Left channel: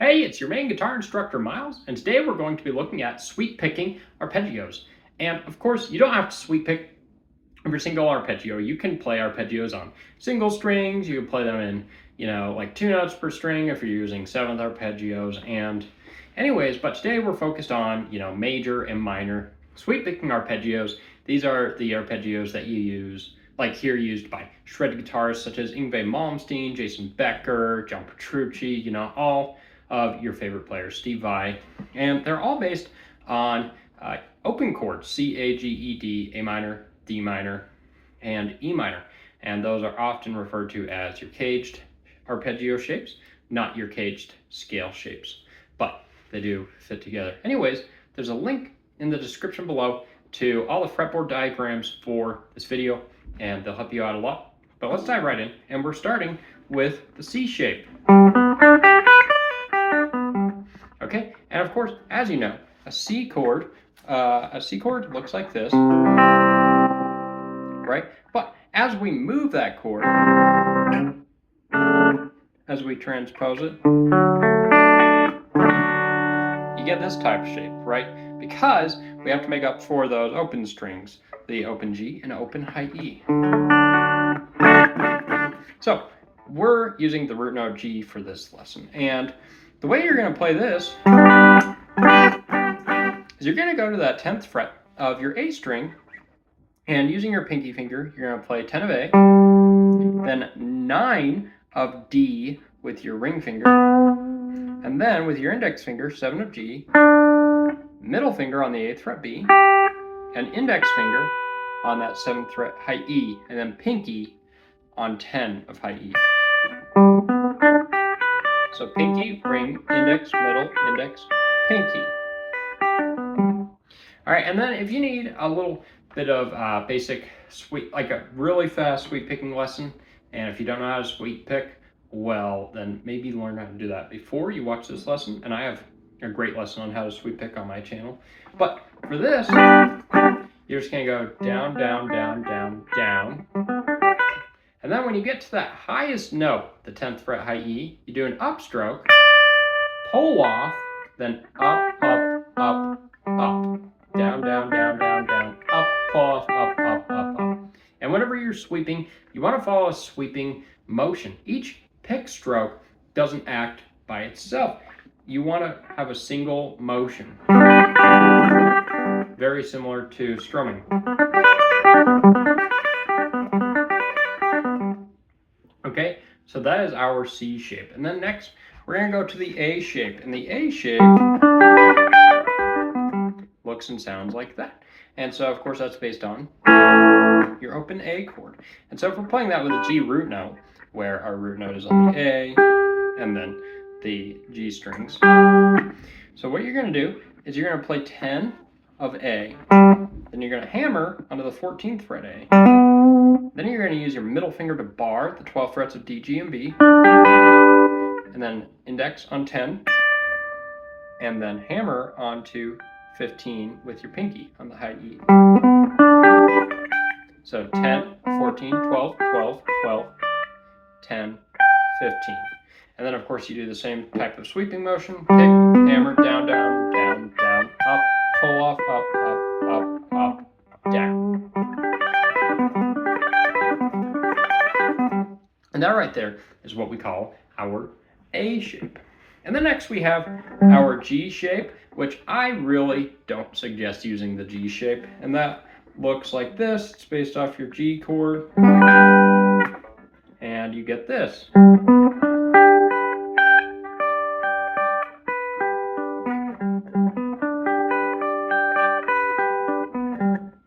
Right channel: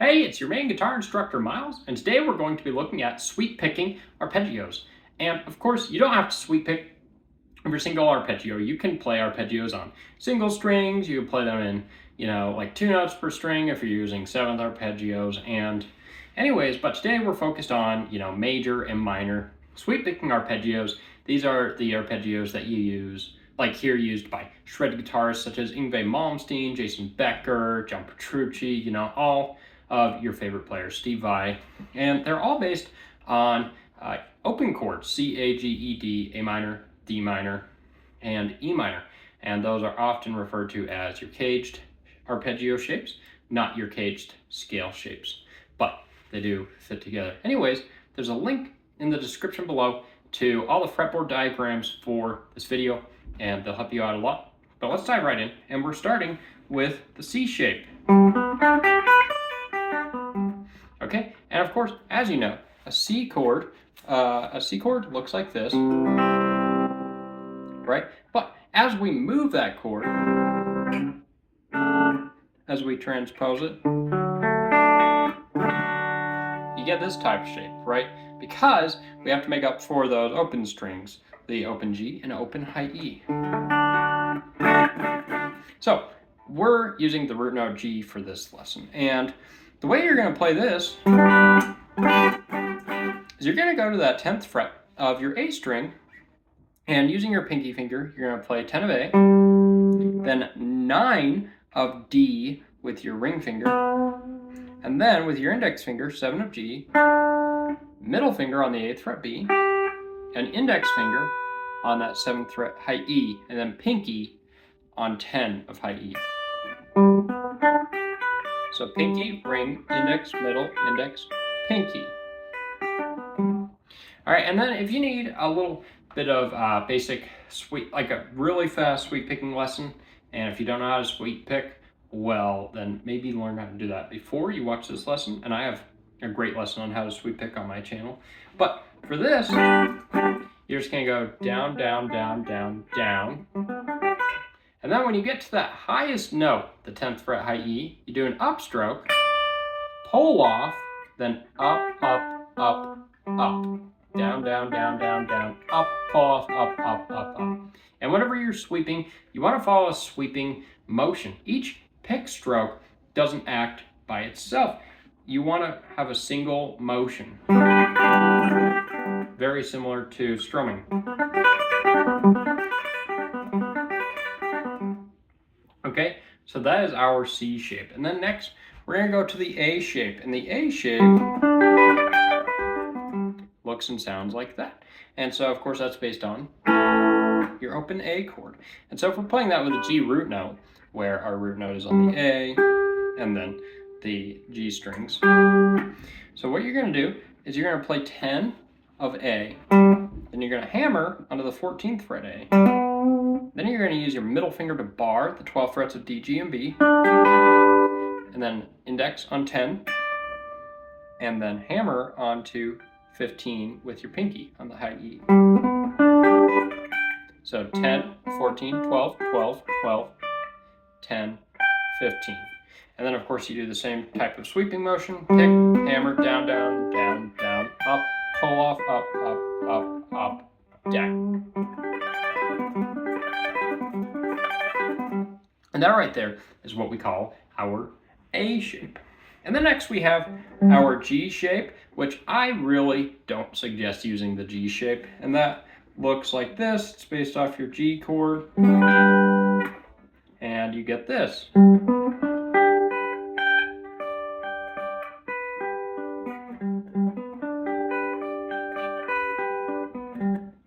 Hey, it's your main guitar instructor, Miles, and today we're going to be looking at sweep picking arpeggios. And of course, you don't have to sweep pick every single arpeggio. You can play arpeggios on single strings. You can play them in, like 2 notes per string if you're using seventh arpeggios. And anyways, but today we're focused on, major and minor sweep picking arpeggios. These are the arpeggios that you use, like here used by shred guitarists such as Yngwie Malmsteen, Jason Becker, John Petrucci, all of your favorite players, Steve Vai, and they're all based on open chords, C, A, G, E, D, A minor, D minor, and E minor. And those are often referred to as your caged arpeggio shapes, not your caged scale shapes, but they do fit together. Anyways, there's a link in the description below to all the fretboard diagrams for this video, and they'll help you out a lot. But let's dive right in, and we're starting with the C shape. Okay, and of course, as you know, a C chord looks like this, right? But as we move that chord, as we transpose it, you get this type of shape, right? Because we have to make up for those open strings, the open G and open high E. So we're using the root note G for this lesson, and the way you're going to play this is you're going to go to that 10th fret of your A string, and using your pinky finger, you're going to play 10 of A, then 9 of D with your ring finger, and then with your index finger, 7 of G, middle finger on the 8th fret B, and index finger on that 7th fret high E, and then pinky on 10 of high E. So pinky, ring, index, middle, index, pinky. All right, and then if you need a little bit of basic sweep, like a really fast sweep picking lesson, and if you don't know how to sweep pick, well, then maybe learn how to do that before you watch this lesson. And I have a great lesson on how to sweep pick on my channel. But for this, you're just gonna go down, down, down, down, down. And then when you get to that highest note, the 10th fret high E, you do an upstroke, pull off, then up, up, up, up, down, down, down, down, down, up, pull off, up, up, up, up. And whenever you're sweeping, you want to follow a sweeping motion. Each pick stroke doesn't act by itself. You want to have a single motion, very similar to strumming. Okay, so that is our C shape. And then next, we're going to go to the A shape. And the A shape looks and sounds like that. And so, of course, that's based on your open A chord. And so if we're playing that with a G root note, where our root note is on the A, and then the G strings. So what you're going to do is you're going to play 10 of A, then you're going to hammer onto the 14th fret A. Then you're going to use your middle finger to bar the 12 frets of D, G, and B, and then index on 10, and then hammer onto 15 with your pinky on the high E. So 10, 14, 12, 12, 12, 10, 15. And then of course you do the same type of sweeping motion, pick, hammer, down, down, down, down, up, pull off, up, up, up, up, down. And that right there is what we call our A shape. And then next we have our G shape, which I really don't suggest using the G shape. And that looks like this. It's based off your G chord. And you get this.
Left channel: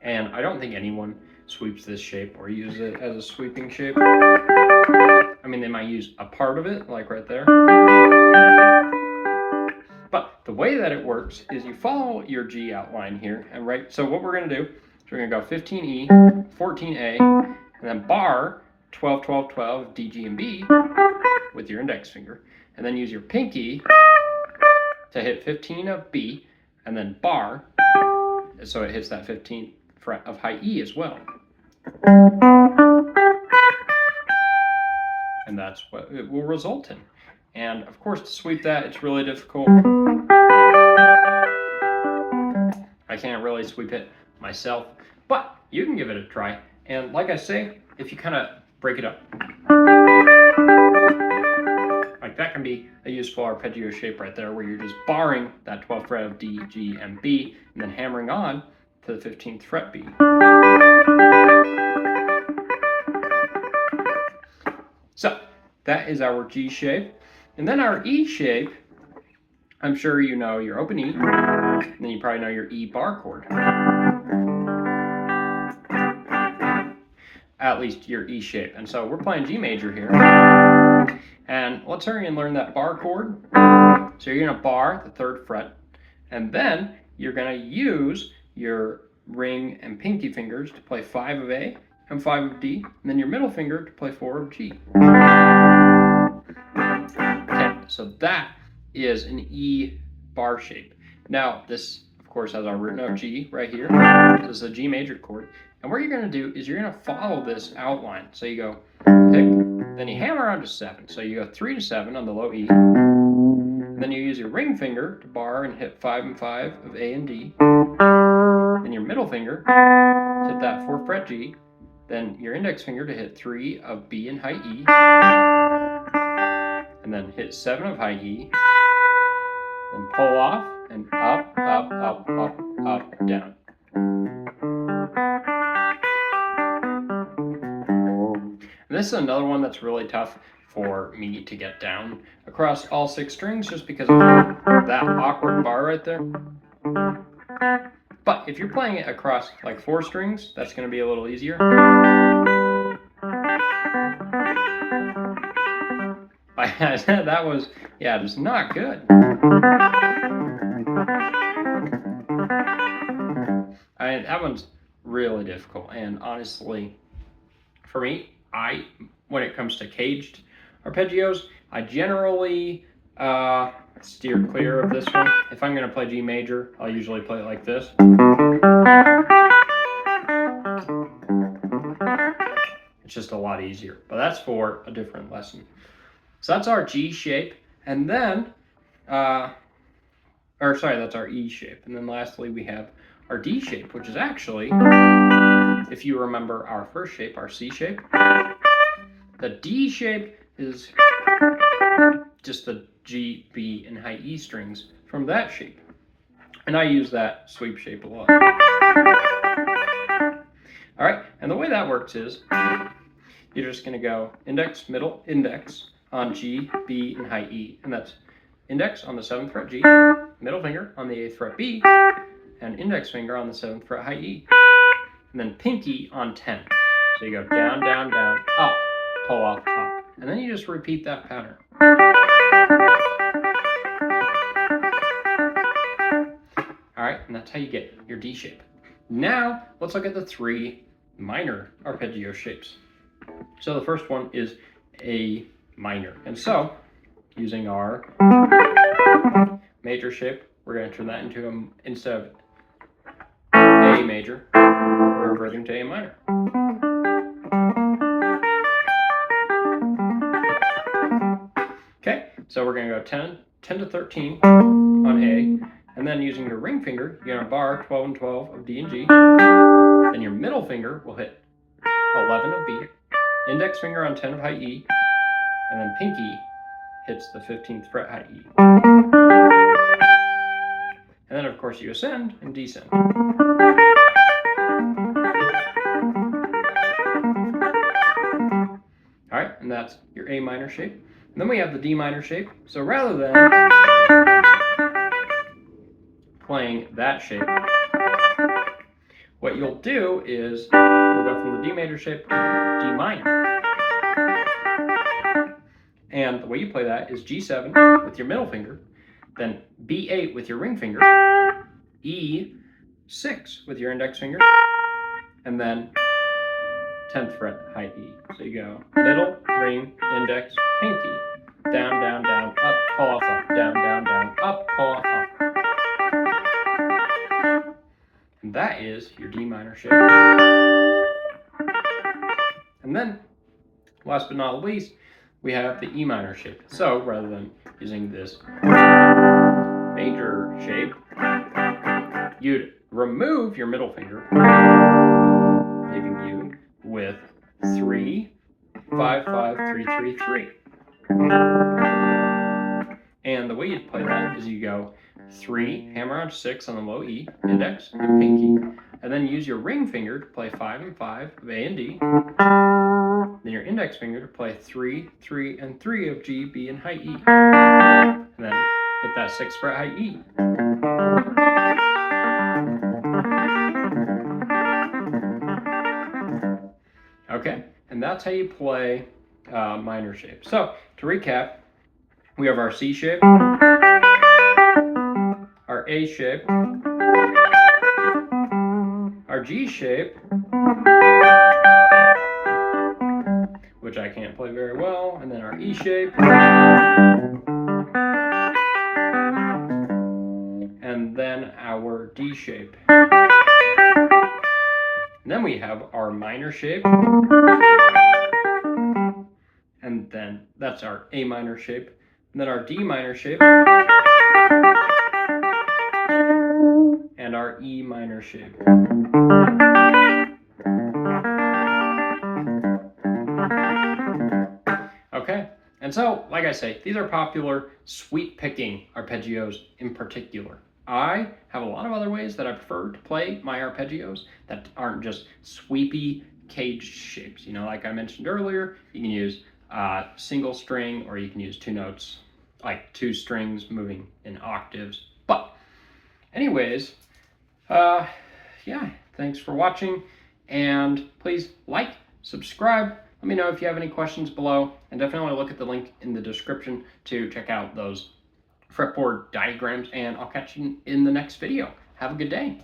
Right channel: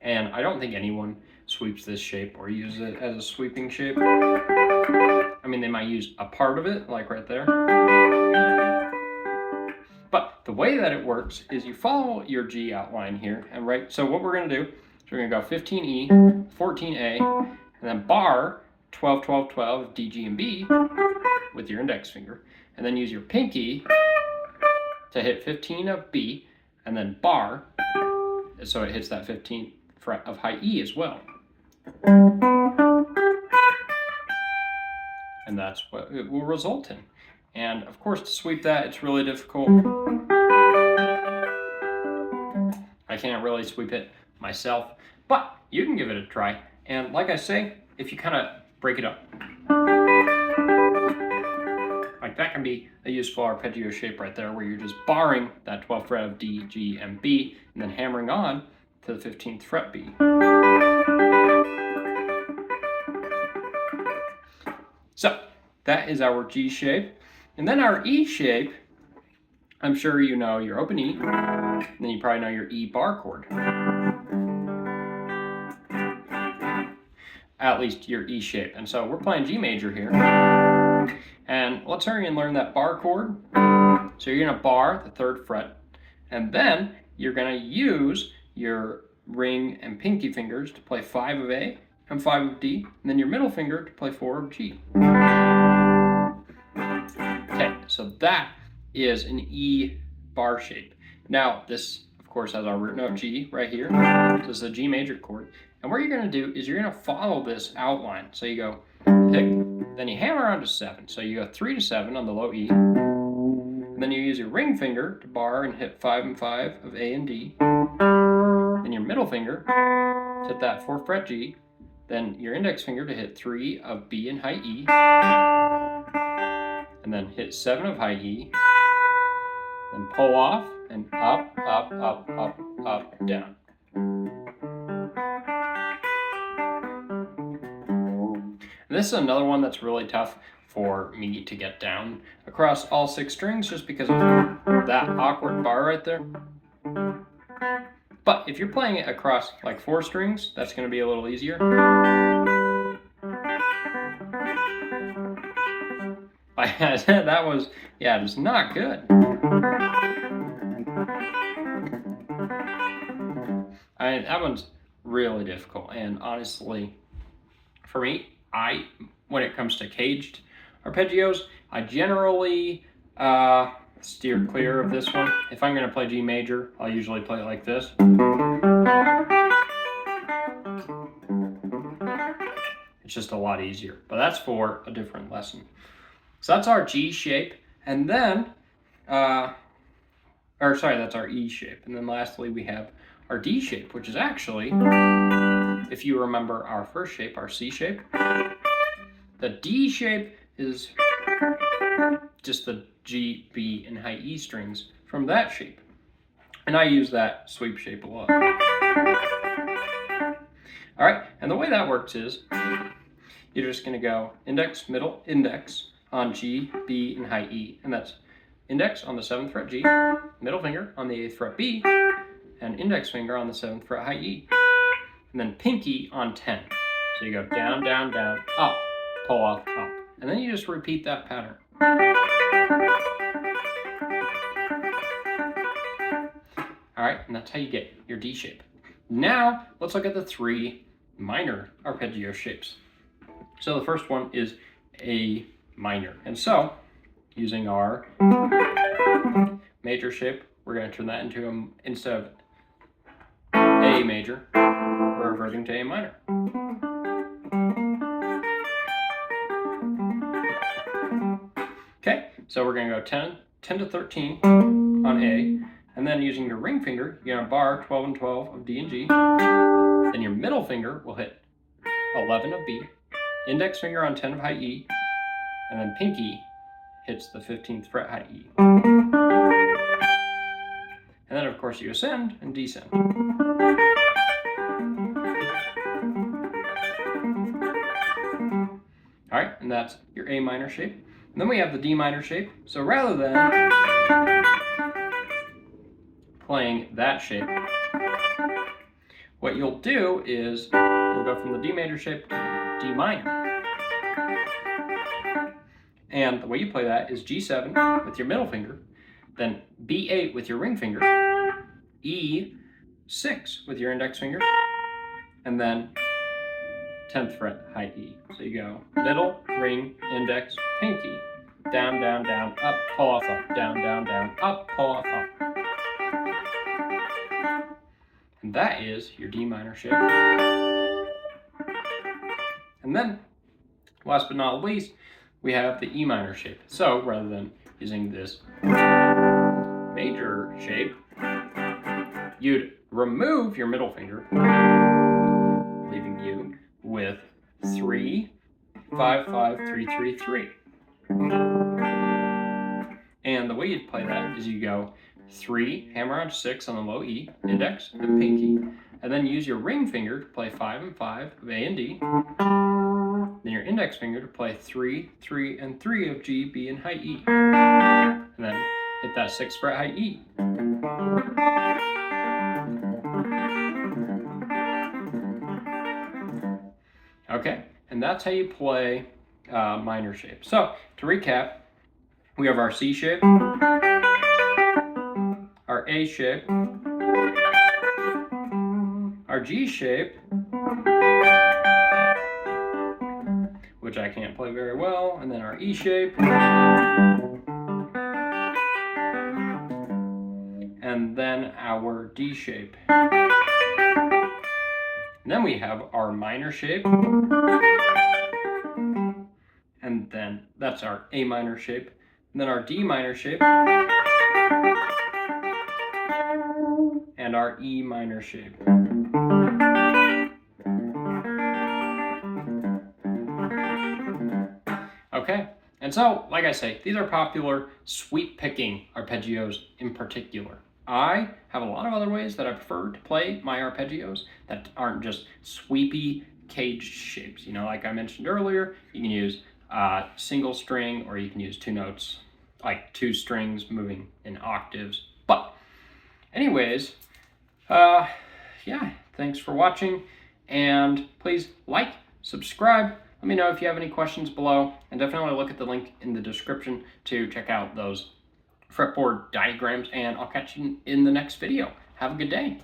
And I don't think anyone sweeps this shape or uses it as a sweeping shape. I mean, they might use a part of it, like right there. But the way that it works is you follow your G outline here, and right, so what we're going to do is we're going to go 15E, 14A, and then bar 12, 12, 12, D, G, and B with your index finger, and then use your pinky to hit 15 of B, and then bar, so it hits that 15th fret of high E as well. And that's what it will result in. And of course, to sweep that, it's really difficult. I can't really sweep it myself, but you can give it a try. And like I say, if you kind of break it up, like that can be a useful arpeggio shape right there, where you're just barring that 12th fret of D, G, and B, and then hammering on to the 15th fret B. So that is our G shape. And then our E shape, I'm sure you know your open E, and then you probably know your E bar chord. At least your E shape. And so we're playing G major here. And let's hurry and learn that bar chord. So you're gonna bar the 3rd fret, and then you're gonna use your ring and pinky fingers to play 5 of A and 5 of D, and then your middle finger to play 4 of G. Okay, so that is an E bar shape. Now this, of course, has our root note G right here. So it's a G major chord. And what you're gonna do is you're gonna follow this outline. So you go pick, then you hammer on to 7. So you go 3 to 7 on the low E. And then you use your ring finger to bar and hit 5 and 5 of A and D. Then your middle finger to hit that 4th fret G. Then your index finger to hit 3 of B and high E. And then hit 7 of high E. Then pull off and up, up, up, up, up, down. And this is another one that's really tough for me to get down across all 6 strings, just because of that awkward bar right there. But if you're playing it across like 4 strings, that's going to be a little easier. That was, yeah, just not good. That one's really difficult, and honestly, for me, when it comes to caged arpeggios, I generally steer clear of this one. If I'm going to play G major, I'll usually play it like this. It's just a lot easier, but that's for a different lesson. So that's our G shape, and then, that's our E shape. And then lastly, we have our D shape, which is actually, if you remember our first shape, our C shape, the D shape is just the G, B, and high E strings from that shape. And I use that sweep shape a lot. All right, and the way that works is you're just gonna go index, middle, index on G, B, and high E. And that's index on the 7th fret G, middle finger on the 8th fret B, and index finger on the 7th fret high E. And then pinky on 10. So you go down, down, down, up, pull off, up. And then you just repeat that pattern. All right, and that's how you get your D shape. Now, let's look at the 3 minor arpeggio shapes. So the first one is A minor. And so, using our major shape, we're going to turn that into, instead of A major, we're reverting to A minor. Okay, so we're going to go 10 to 13 on A, and then using your ring finger, you're going to bar 12 and 12 of D and G. Then your middle finger will hit 11 of B, index finger on 10 of high E, and then pinky hits the 15th fret high E. And then of course you ascend and descend. All right, and that's your A minor shape. And then we have the D minor shape. So rather than playing that shape, what you'll do is you'll go from the D major shape to D minor. And the way you play that is G7 with your middle finger, then B8 with your ring finger, E6 with your index finger, and then 10th fret high E. So you go middle, ring, index, pinky, down, down, down, up, pull off, up, down, down, down, up, pull off, up. And that is your D minor shape. And then, last but not least, we have the E minor shape. So rather than using this major shape, you'd remove your middle finger, leaving you with 3, 5, 5, 3, 3, 3. And the way you'd play that is you go 3, hammer on 6 on the low E, index and pinky, and then use your ring finger to play 5 and 5 of A and D, then your index finger to play 3, 3, and 3 of G, B, and high E, and then hit that 6th fret high E. Okay, and that's how you play minor shape. So to recap, we have our C shape, our A shape, our G shape, which I can't play very well, and then our E shape, and then our D shape. And then we have our minor shape, and then that's our A minor shape, and then our D minor shape, and our E minor shape. Okay, and so, like I say, these are popular sweep picking arpeggios in particular. I have a lot of other ways that I prefer to play my arpeggios that aren't just sweepy caged shapes. You know, like I mentioned earlier, you can use single string, or you can use 2 notes, like 2 strings moving in octaves. But anyways, yeah, thanks for watching, and please like, subscribe. Let me know if you have any questions below, and definitely look at the link in the description to check out those fretboard diagrams, and I'll catch you in the next video. Have a good day.